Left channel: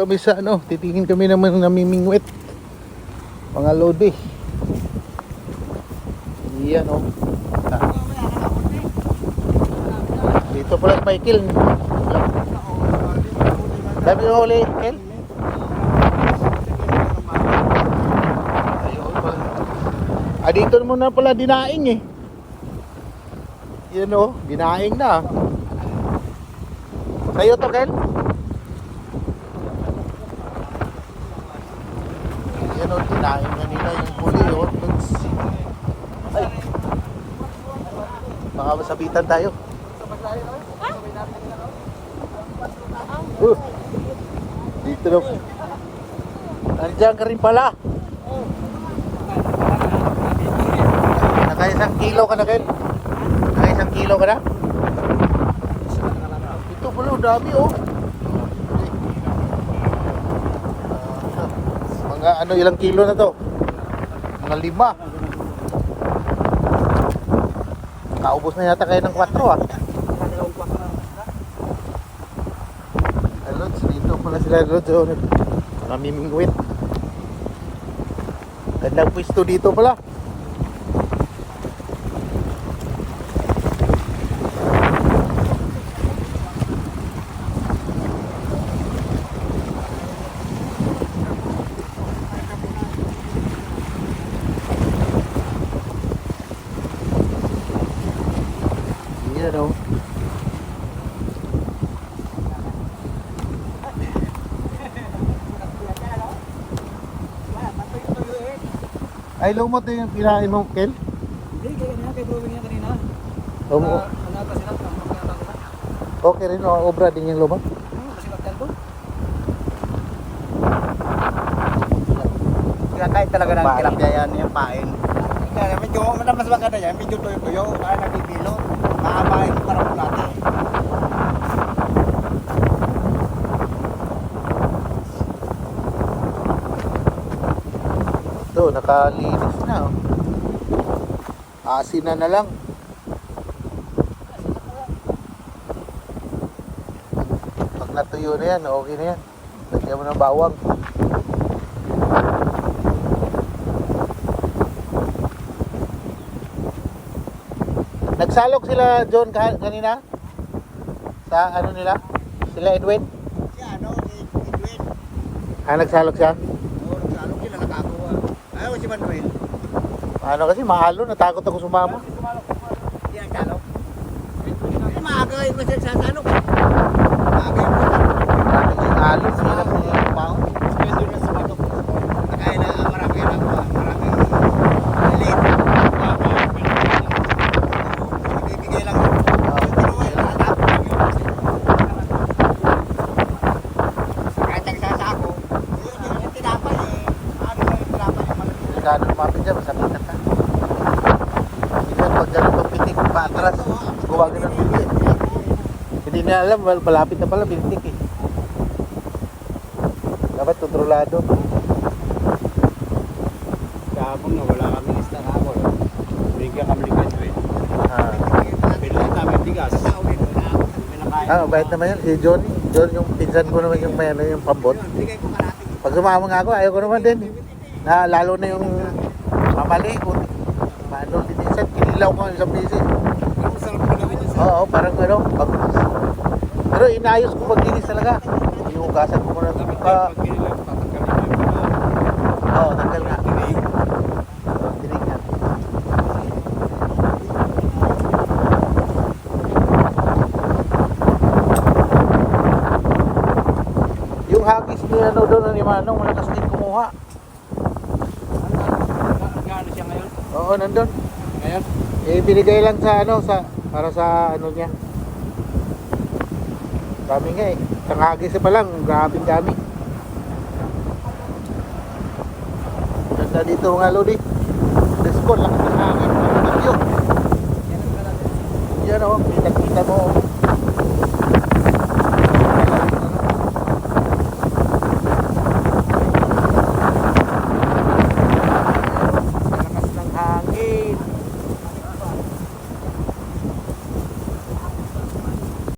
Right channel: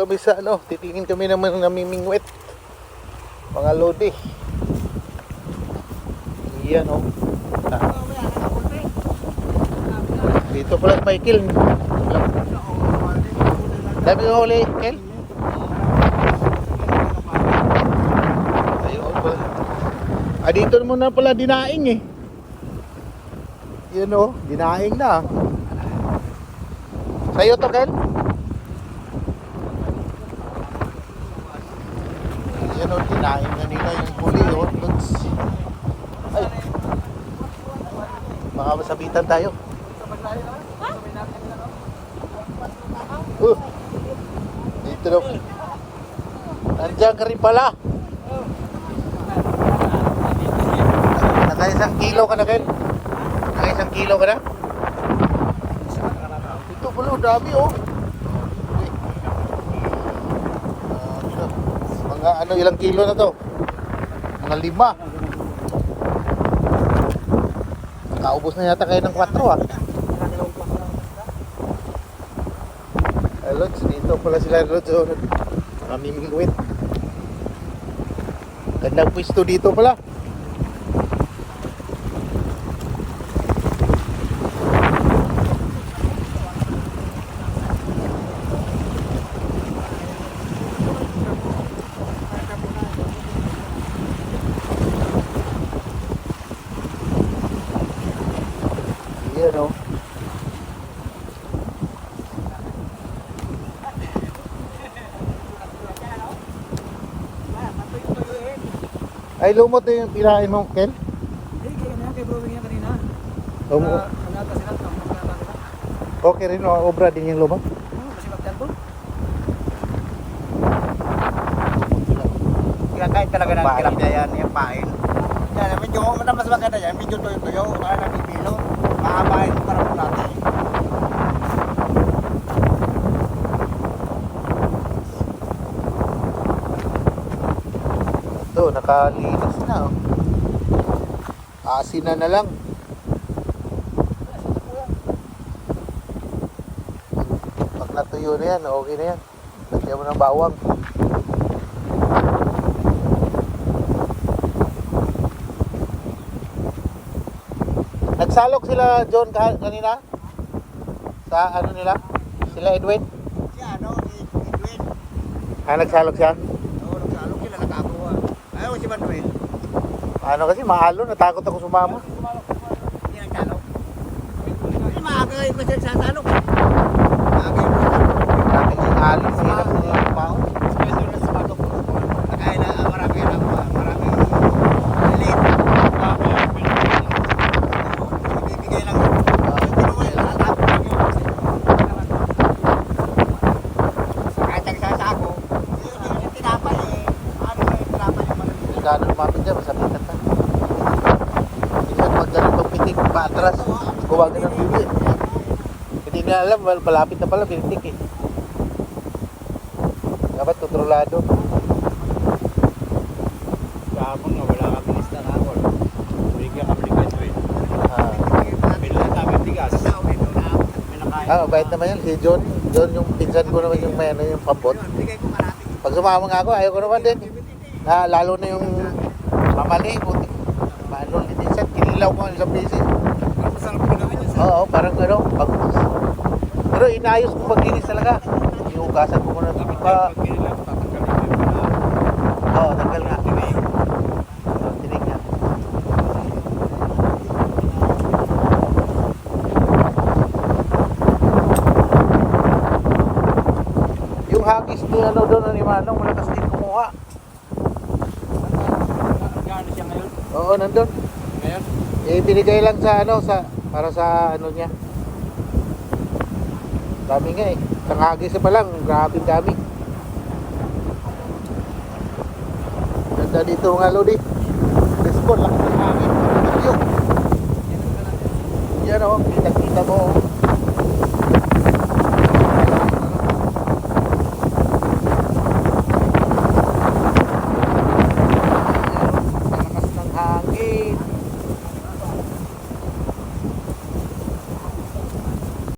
kami sa ano, titingin kami naman namimingwit. Mga lodi. Yan. Dito pala si Michael. Dami yung huli, Kel. Dito mo na pala dinaing eh. Yun o, dinaing na. Sa'yo to, Kel? Yun o, dinaing na nila yung huli eh. Baka masabitan tayo. Dito na po. Nandiyan ka rin pala. Naka-1 kilo ka na, Ken? Naka-1 kilo ka na? Ito pala, dami oh. Ano, ilang kilo na to? Mga 5. Kaubos na yata kayo ng 4 ah. Lods, dito pala sila Lods oh. Namimingwit. Gandang pwesto dito pala. Yan o. Ay, lumot na yung kinain mong Kel? Hindi, kay Brewing niya kanina. Manata sila, tamang manata sila. Okay rin, obra din yung lumot. Kasi magdan po. Kinakain talaga ng kirap niya yan, yung pain. Kaya medyo, mas maganda yan, medyo tuyo-tuyo, kaya nagpipilo. Makakabahin ng karap natin. Ito, nakalinis na. Asin na lang. Pag natuyo na yan, okay na yan. Lagyan mo ng bawang. Nagsalok sila John kanina? Sa ano nila? Sila Edwin? Si ano, Edwin. Nagsalok siya? Oo, nagsalok yun, nakakuha. Ayaw si Manuel. Ano kasi mahalo, natakot ako sumama. Yan, salok. Maaga kayo ba sa salok? Maaga yun. Alis sila sila. Kaya na, marami late. Ibibigay lang. Kahit ang sasako, yung tinapay, ano yung tinapay? Nagano pa dyan sa pitik. Pagkaroon magpitik pa atras. Huwag na pitik. Hindi na alam, palapit na pala pitik eh. Dapat kontrolado. Kapag wala kami lista na ako, bigyan kami ni Manuel. Bilang namin bigas. Sasawi ko na ako. Kahit naman yan, si John yung pinsan ko naman yung may ano yung pambot. Bigay ko kalahati. Pag sumama nga ako, ayaw ko naman din. Lalo na yung mali. Paano, minsan kinilaw ko isang beses. Masarap ko gawin yun sa Oo, parang ano. Pero inayos ko maglinis talaga. Hugasan ko muna dapat ito. yan. Pag kinilang papagkalit Oo, tagal na. Tinig yan. Yung hagis mo ano doon, ano yung ano, malakas din kumuha. Magkano siya ngayon? Oo, nandun. Ayan. Binigay lang sa ano, para sa ano niya. Sabi nga eh, nakagis pa lang, maraming dami. Nandun dito mga lodi. Let's go lang.